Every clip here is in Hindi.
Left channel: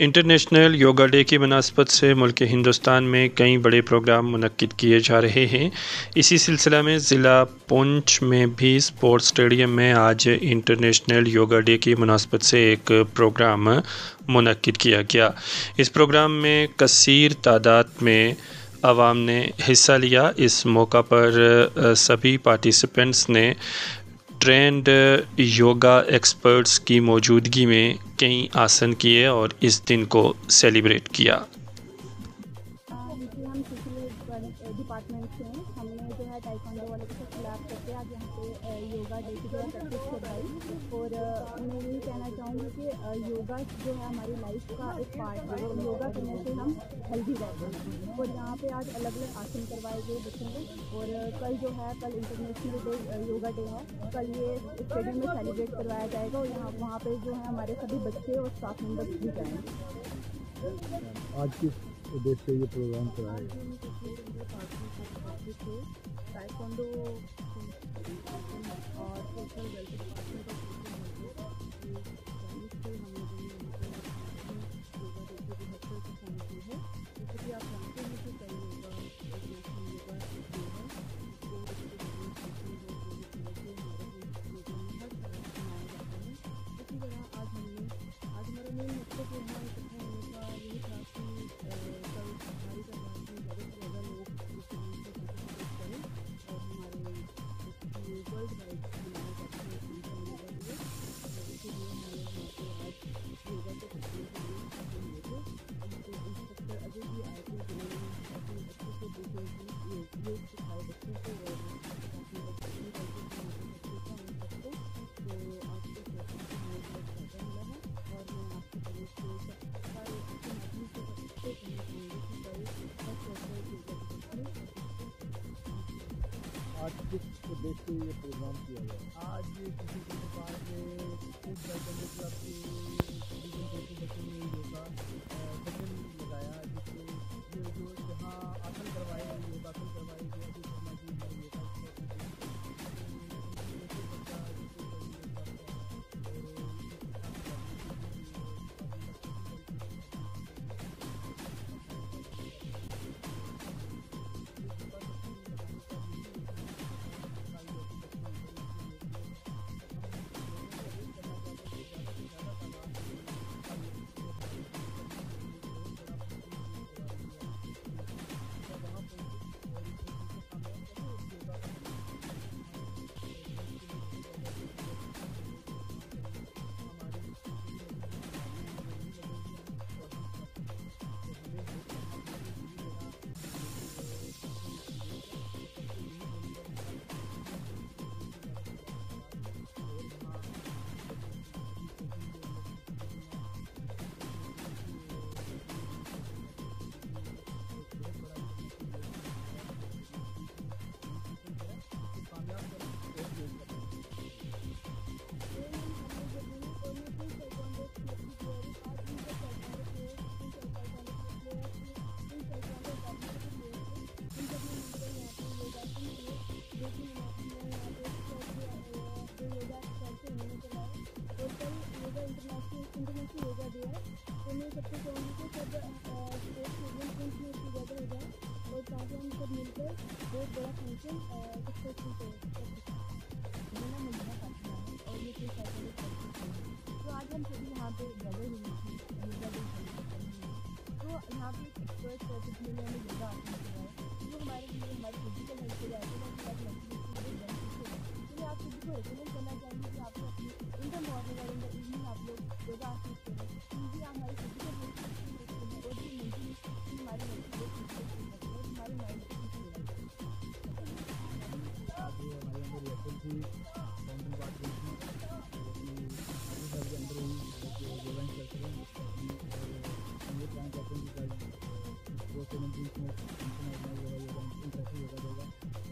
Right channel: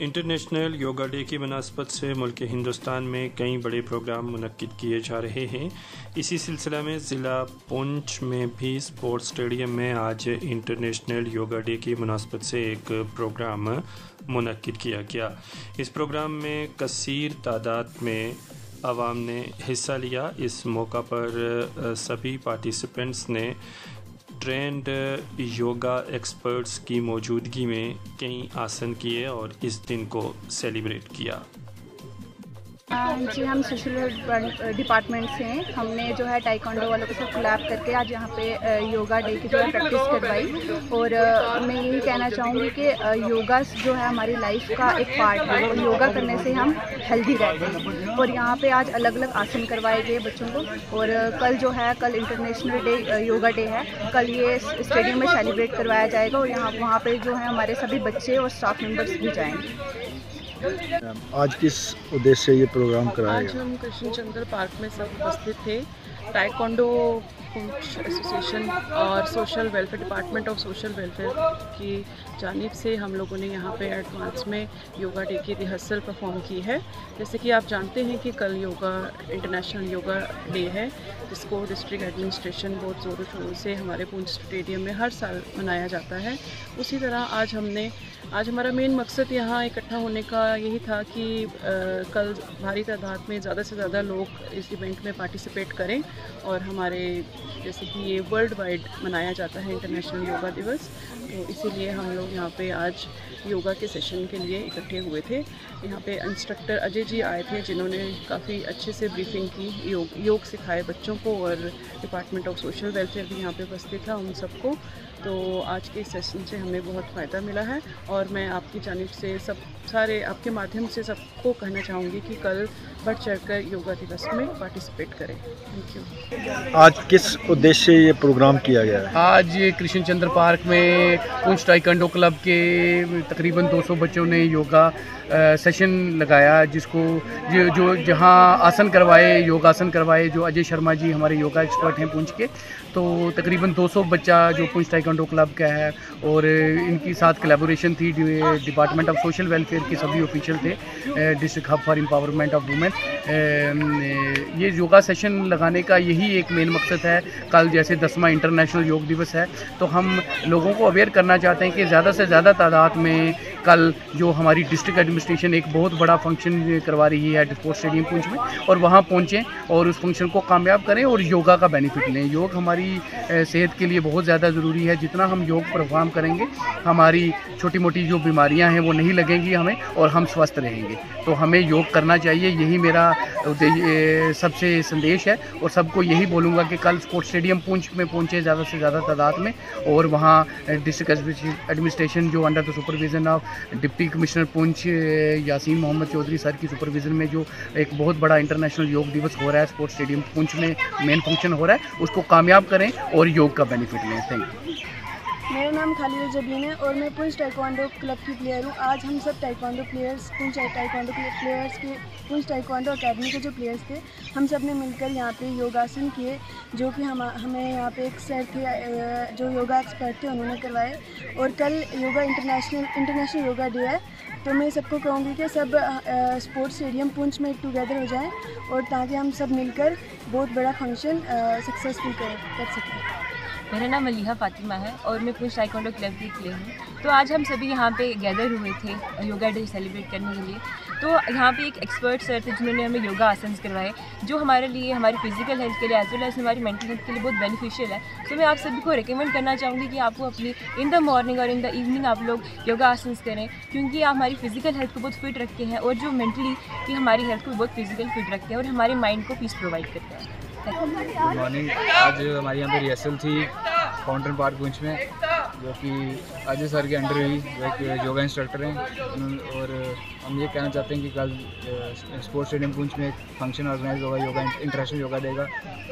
इंटरनेशनल योगा डे की मुनासबत से मुल्क हिंदुस्तान में कई बड़े प्रोग्राम मुनक्किद किए जा रहे हैं। इसी सिलसिला में ज़िला पुंछ में भी स्पोर्ट्स स्टेडियम में आज इंटरनेशनल योगा डे की मुनासबत से एक प्रोग्राम मुनक्किद किया गया। इस प्रोग्राम में कसीर तादाद में आवाम ने हिस्सा लिया। इस मौका पर सभी पार्टिसिपेंट्स ने ट्रेंड योगा एक्सपर्ट्स की मौजूदगी में कई आसन किए और इस दिन को सेलिब्रेट किया। जी, हम सोशल डिपार्टमेंट से हैं। हमने जो है टाइकोंडो वालों के साथ कोलैब करके आज यहाँ पे योगा डे की जो है प्रैक्टिस करवाई। और मैं यही कहना चाहूँगी कि योगा जो है हमारी लाइफ का एक पार्ट है और योगा करने से हम हेल्दी रहते हैं। और यहाँ पे आज अलग अलग आसन करवाए गए बच्चों को। और कल इंटरनेशनल डे योगा डे है। कल ये स्टेडियम में सेलिब्रेट करवाया जाएगा और वहाँ पे जो है हमारे सभी बच्चे और स्टाफ मेम्बर्स भी जाएंगे। आज किस उद्देश्य से ये प्रोग्राम कराया गया? आज हम कृष्ण चंद्र पार्क में सब उपस्थित थे। टाइकोंडो पुंछ एसोसिएशन और social welfare department of social welfare की जानिब से हम लोगों ने यहाँ पे एडवांस में योगा डे की रिहर्सल परफॉर्म की है। जैसे कि आप जानते हैं कि कल इंटरनेशनल योगा डे है, जिसको डिस्ट्रिक्ट एडमिनिस्ट्रेशन बहुत ज़ोरों शोरों से हमारे पुंछ स्टेडियम में हर साल मनाया जाता है। उसी तरह आज हमारा मेन मकसद यहाँ इकट्ठा होने का यही था कि कल भारी तादाद में ज़्यादा से ज़्यादा लोग इस इवेंट में पार्टिसिपेट करें। और हमारे जैसे कि ये वर्ल्ड वाइड मनाया जाता है इंटरनेशनल योगा दिवस, तो इसीलिए हम लोग यहाँ पे आज योगा के सेशन के लिए इकट्ठे हुए थे। यहाँ पे इंस्ट्रक्टर अजय जी आए थे, जिन्होंने काफ़ी अच्छे से ब्रीफिंग की, योग सिखाए बच्चों को। और डिपार्टमेंट ऑफ सोशल वेलफेयर भी यहाँ पे उपस्थित था उन सबको। तो आज के सेशन से हमें बहुत फ़ायदा मिला है और मैं आपकी जानिब से आपके माध्यम से सबको कहना चाहूँगी कि कल बढ़ चढ़कर योगा दिवस में पार्टिसिपेट करें। Thank you. आज किस उद्देश्य से ये प्रोग्राम किया गया है? आज कृष्ण चंद्र पार्क में पुंछ टाइकोंडो क्लब के तकरीबन 200 बच्चों ने योगा सेशन लगाया, जिसको जो जहां आसन करवाए, योगासन करवाए, जो अजय शर्मा जी हमारे योगा एक्सपर्ट हैं पुंछ के। तो तकरीबन 200 बच्चा जो पुंछ टाइकोंडो क्लब का है और इनकी साथ कोलैबोरेशन थी डिपार्टमेंट ऑफ सोशल वेलफेयर के सभी ऑफिशियल थे, district hub for empowerment of women. ये योगा सेशन लगाने का यही एक मेन मकसद है। कल जैसे 10वां इंटरनेशनल योग दिवस है, तो हम लोगों को अवेयर करना चाहते हैं कि ज़्यादा से ज़्यादा तादाद में कल जो हमारी डिस्ट्रिक्ट एडमिनिस्ट्रेशन एक बहुत बड़ा फंक्शन करवा रही है स्पोर्ट्स स्टेडियम पुंछ में, और वहाँ पहुँचें और उस फंक्शन को कामयाब करें और योगा का बेनिफिट लें। योग हमारी सेहत के लिए बहुत ज़्यादा ज़रूरी है। जितना हम योग परफॉर्म करेंगे, हमारी छोटी मोटी जो बीमारियां हैं वो नहीं लगेंगी हमें और हम स्वस्थ रहेंगे। तो हमें योग करना चाहिए, यही मेरा सबसे संदेश है। और सबको यही बोलूँगा कि कल स्पोर्ट्स स्टेडियम पुंछ में पहुँचे ज़्यादा से ज़्यादा तादाद में, और वहाँ डिस्ट्रिक्ट एडमिनिस्ट्रेशन जो under the supervision of deputy commissioner Poonch Yasin Mohammad Chaudhary sir की सुपरविज़न में जो एक बहुत बड़ा इंटरनेशनल योग दिवस हो रहा है स्पोर्ट्स स्टेडियम पुंछ में, मेन फंक्शन हो रहा है, उसको कामयाब करें और योग का बेनिफिट लें। Thank you. मेरा नाम खालिद जबीन है और मैं पुंछ टाइकोंडो क्लब की प्लेयर हूँ। आज हम सब taekwondo players Poonch taekwondo players के पुंछ टाइकोंडो अकेडमी के जो प्लेयर्स थे, हम सब ने मिलकर यहाँ पे योगासन किए, जो कि हमें यहाँ पे एक सर थे जो योगा एक्सपर्ट थे, उन्होंने करवाए। और कल इंटरनेशनल योगा डे है, तो मैं सबको कहूँगी कि सब स्पोर्ट्स स्टेडियम पुंछ में टुगेदर हो जाएँ और ताकि हम सब मिलकर बहुत बड़ा फंक्शन सक्सेसफुल कर सकें। मेरा नाम मलिहा फातिमा है और मैं पुंछ टाइकोंडो क्लब की प्लेयर हूँ। तो आज हम सभी यहाँ पे गैदर हुए थे योगा डे सेलिब्रेट करने के लिए। तो यहाँ पे एक एक्सपर्ट सर थे, जिन्होंने हमें योगा आसन करवाए, जो हमारे लिए, हमारी फिजिकल हेल्थ के लिए एज वेल एज हमारी मेंटल हेल्थ के लिए बहुत बेनिफिशियल है। तो मैं आप सभी को रिकमेंड करना चाहूँगी कि आपको अपनी इन द मॉर्निंग और इन द इवनिंग आप लोग योगा आसन करें, क्योंकि आप हमारी फिजिकल हेल्थ को बहुत फिट रखते हैं और जो मेंटली भी हमारी हेल्थ को बहुत फिजिकल फिट रखते हैं और हमारे माइंड को पीस प्रोवाइड करते हैं। Good morning. आज हमारे यहाँ पे रिहर्सल थी फाउंटेन पार्क पुंछ में, जो कि अजय सर के अंडर हुई, जो एक योगा इंस्ट्रक्टर हैं। और हम ये कहना चाहते हैं कि कल स्पोर्ट्स स्टेडियम पुंछ में एक फंक्शन ऑर्गेनाइज होगा योगा इंटरनेशनल योगा डे का,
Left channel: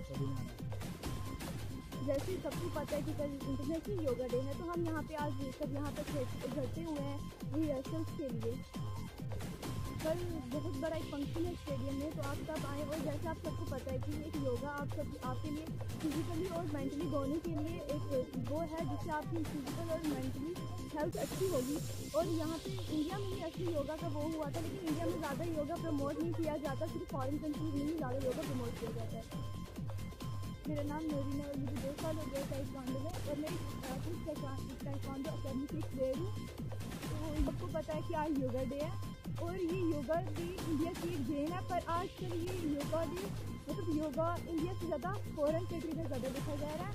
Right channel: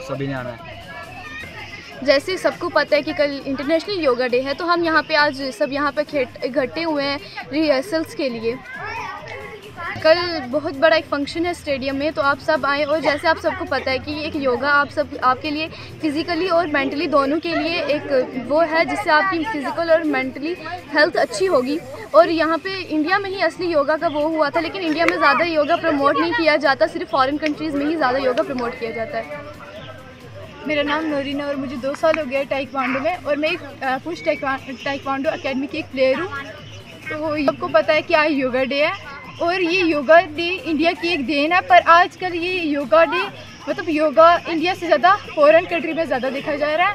सभी ने आना है। जैसे सबको पता है कि कल इंटरनेशनल योगा डे है, तो हम यहाँ पे आज सब यहाँ पे इकट्ठे हुए हैं रिहर्सल्स के लिए। कल बहुत बड़ा एक फंक्शन है स्टेडियम में, तो आप सब आएँ। और जैसे आप सबको पता है कि एक योगा आपके लिए फ़िज़िकली और मेंटली दोनों के लिए एक वो है जिससे आपकी फ़िज़िकल और मेंटली हेल्थ अच्छी होगी। और यहाँ पे इंडिया में ही असली योगा का वो हुआ था, लेकिन इंडिया में ज़्यादा योगा प्रमोट नहीं किया जाता, सिर्फ फॉरेन कंट्रीज़ में ही ज़्यादा योगा प्रमोट किया जाता है। मेरा नाम नोरीन है और मुझे 2 साल हो गए टाइक्वांडो में, और मैं एक पुश टाइक्वांडो अकेडमी की एक प्लेयर हूँ। तो सबको पता है कि आज योगा डे है, और ये योगा डे इंडिया की एक देन है। पर आजकल ये योगा डे मतलब योगा इंडिया से ज़्यादा फॉरेन कंट्री में ज़्यादा देखा जा रहा है।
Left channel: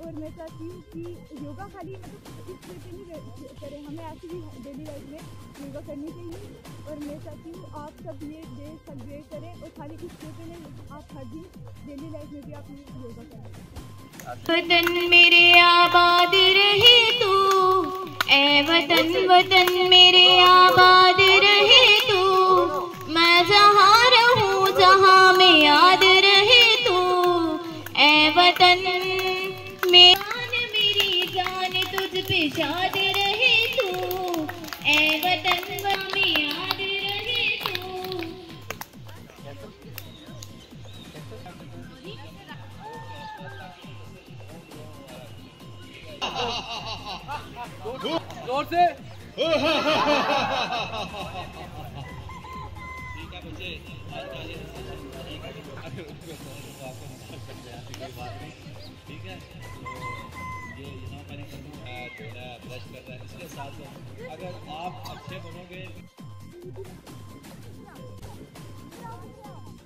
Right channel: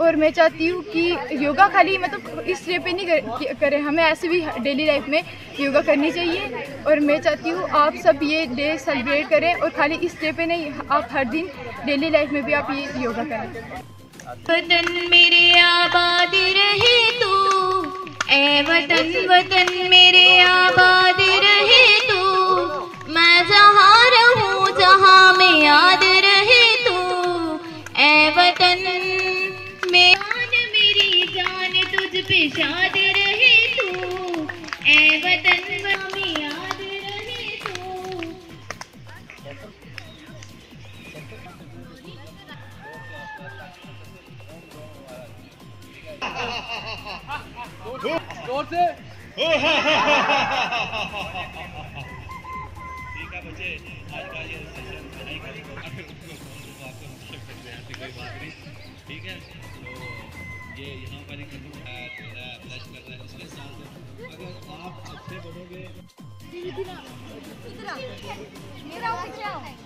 और मैं चाहती हूँ कि योगा खाली मतलब इस डे पे नहीं करें, हमें ऐसे भी डेली लाइफ में योगा करनी चाहिए। और मैं चाहती हूँ आप सब ये डे सेलिब्रेट करें, और खाली इस डे पे नहीं, आप हर दिन डेली लाइफ में भी आप ये योगा करें। वतन मेरे आबाद रहे तू, ए वतन वतन मेरे आबाद रहे तू, मैं जहाँ रहूँ जहाँ में याद रहे तू, ए वतन मेरी जान तुझ पे शाद रहे तू, ए वतन में याद रहे तू। जोर से ठीक है बच्चे, आज का ये कोई बात नहीं, ठीक है। तो ये यहाँ पर एक थोड़ा ब्रश कर रहा है, इसके साथ साथ अगर आप अच्छे बनोगे क्या है